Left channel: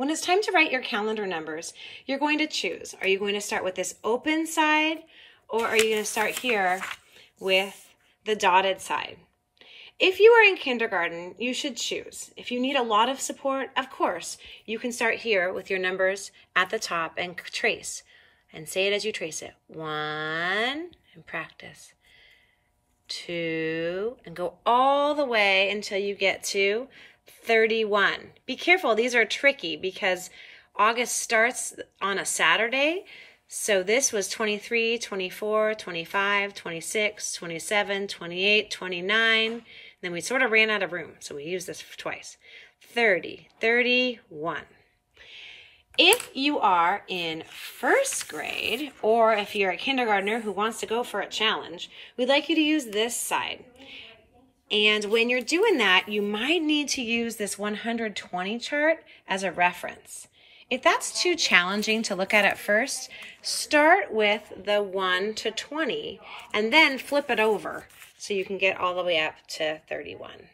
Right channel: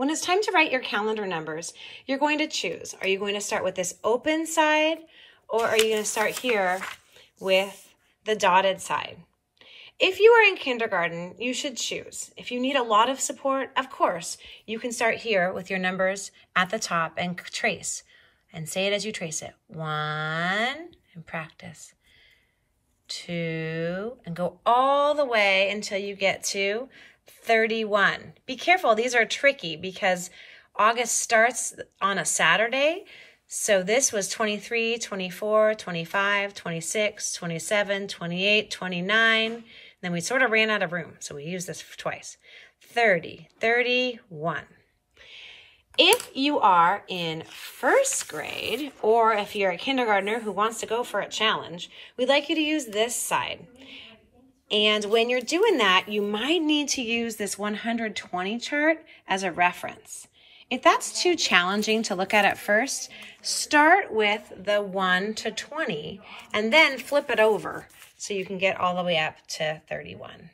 When it's time to write your calendar numbers, you're going to choose. Are you going to start with this open side, or are you going to start here with the dotted side? If you are in kindergarten, you should choose. If you need a lot of support, of course, you can start here with your numbers at the top and trace. And say it as you trace it. 1, and practice. 2, and go all the way until you get to 31. Be careful, these are tricky because August starts on a Saturday. So this was 23, 24, 25, 26, 27, 28, 29. Then we sort of ran out of room, so we used this twice. 30, 31. If you are in first grade, or if you're a kindergartner who wants to go for a challenge, we'd like you to use this side. And when you're doing that, you might need to use this 120 chart as a reference. If that's too challenging to look at first, start with the 1 to 20 and then flip it over so you can get all the way up to 31.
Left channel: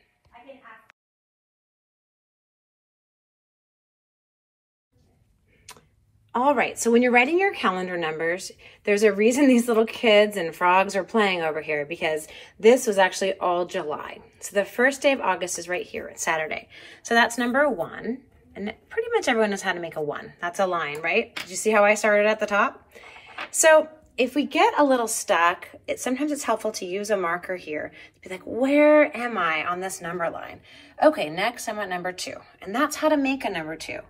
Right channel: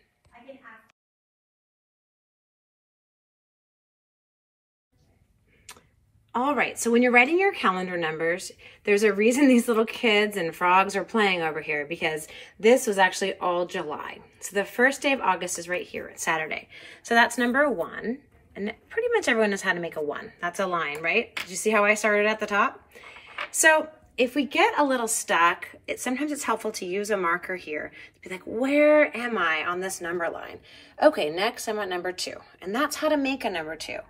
All right, so when you're writing your calendar numbers, there's a reason these little kids and frogs are playing over here, because this was actually all July. So the first day of August is right here, it's Saturday. So that's number 1, and pretty much everyone knows how to make a 1. That's a line, right? Did you see how I started at the top? So if we get a little stuck, sometimes it's helpful to use a marker here to be like, where am I on this number line? Okay, next I'm at number 2, and that's how to make a number 2.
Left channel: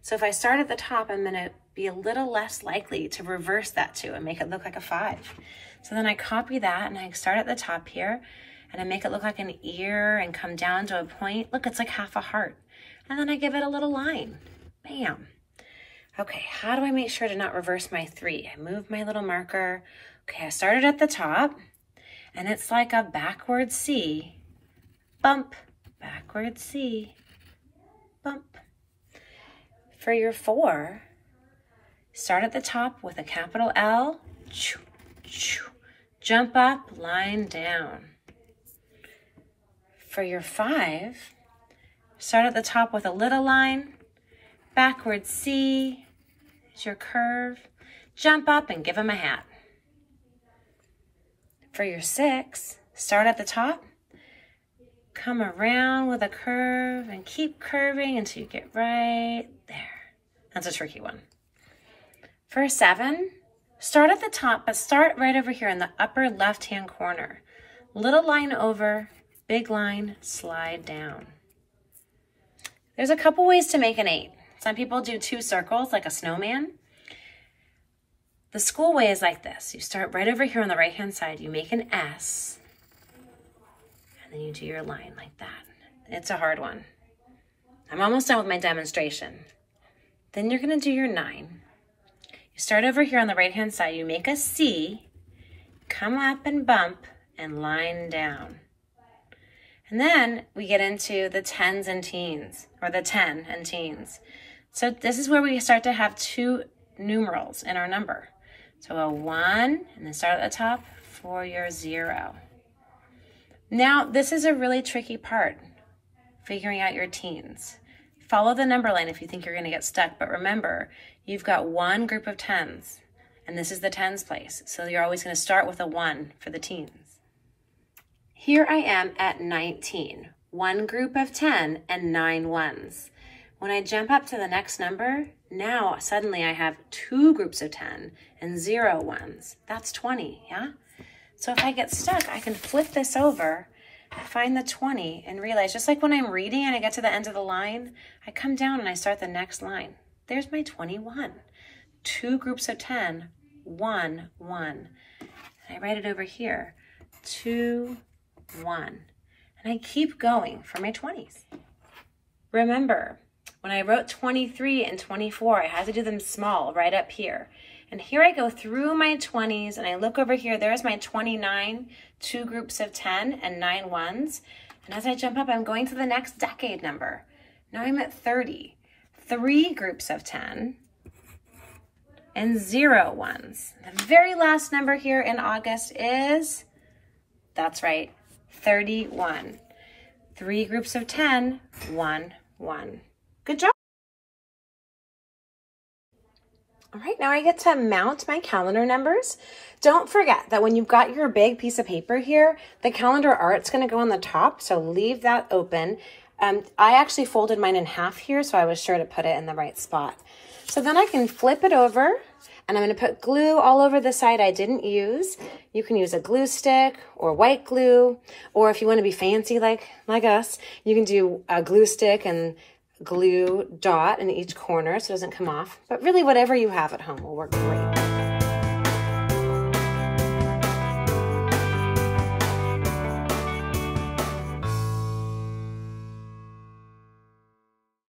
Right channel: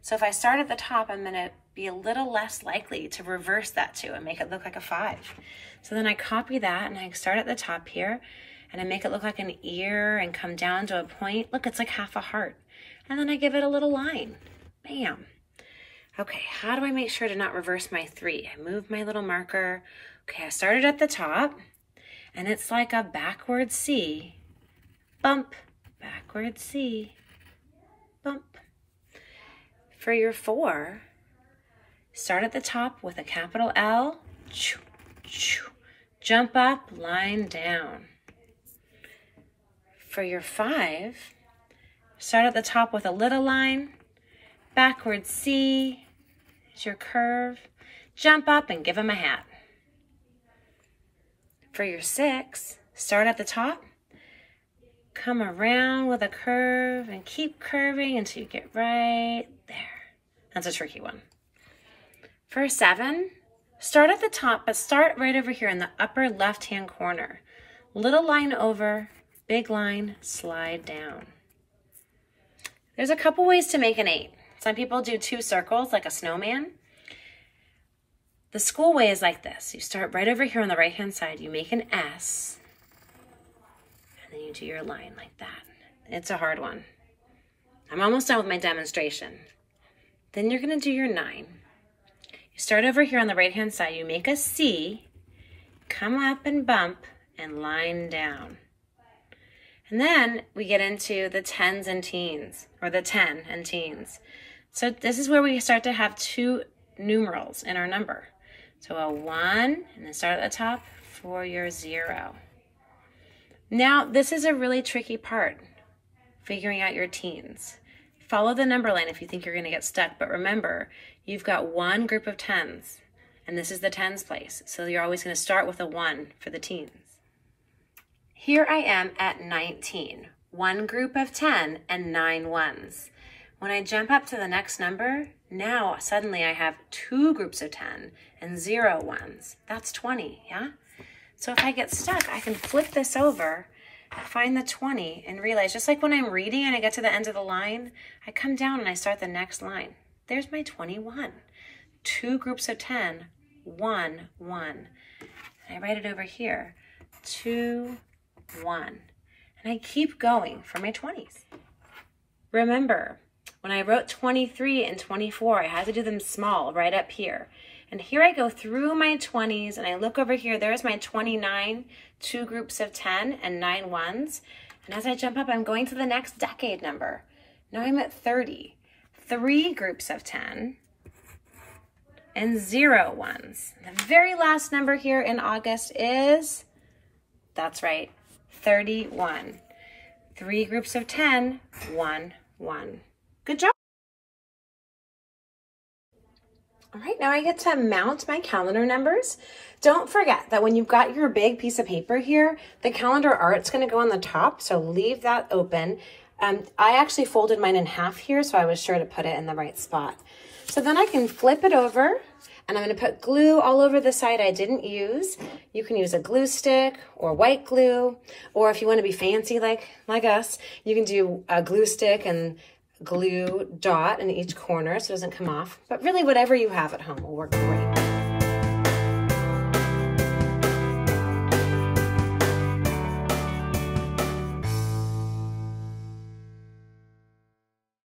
So if I start at the top, I'm gonna be a little less likely to reverse that 2 and make it look like a 5. So then I copy that and I start at the top here and I make it look like an ear and come down to a point. Look, it's like half a heart. And then I give it a little line. Bam. Okay, how do I make sure to not reverse my 3? I move my little marker. Okay, I started at the top and it's like a backward C. Bump, backward C, bump. For your 4, start at the top with a capital L, jump up, line down. For your 5, start at the top with a little line, backward C is your curve, jump up and give them a hat. For your 6, start at the top, come around with a curve and keep curving until you get right there. That's a tricky one. For 7, start at the top, but start right over here in the upper left-hand corner. Little line over, big line, slide down. There's a couple ways to make an 8. Some people do 2 circles like a snowman. The school way is like this. You start right over here on the right-hand side. You make an S, and then you do your line like that. It's a hard one. I'm almost done with my demonstration. Then you're going to do your 9. You start over here on the right-hand side. You make a C, come up and bump, and line down. And then we get into the 10s and teens, or the 10 and teens. So this is where we start to have 2 numerals in our number. So a 1, and then start at the top for your 0. Now, this is a really tricky part, figuring out your teens. Follow the number line if you think you're going to get stuck, but remember, you've got 1 group of 10s, and this is the 10s place, so you're always going to start with a 1 for the teens. Here I am at 19, 1 group of 10 and 9 ones. When I jump up to the next number, now suddenly I have 2 groups of 10 and 0 ones. That's 20, yeah? So if I get stuck, I can flip this over, find the 20, and realize, just like when I'm reading and I get to the end of the line, I come down and I start the next line. There's my 21. 2 groups of 10, 1, 1. And I write it over here, 2, 1. And I keep going for my 20s. Remember, when I wrote 23 and 24, I had to do them small right up here. And here I go through my 20s and I look over here, there's my 29, 2 groups of 10 and 9 ones. And as I jump up, I'm going to the next decade number. Now I'm at 30, 3 groups of 10 and 0 ones. The very last number here in August is, that's right, 31. 3 groups of 10, 1, 1. Good job. All right, now I get to mount my calendar numbers. Don't forget that when you've got your big piece of paper here, the calendar art's gonna go on the top, so leave that open. I actually folded mine in half here, so I was sure to put it in the right spot. So then I can flip it over, and I'm gonna put glue all over the side I didn't use. You can use a glue stick or white glue, or if you wanna be fancy like us, you can do a glue stick and glue dot in each corner so it doesn't come off. But really whatever you have at home will work great.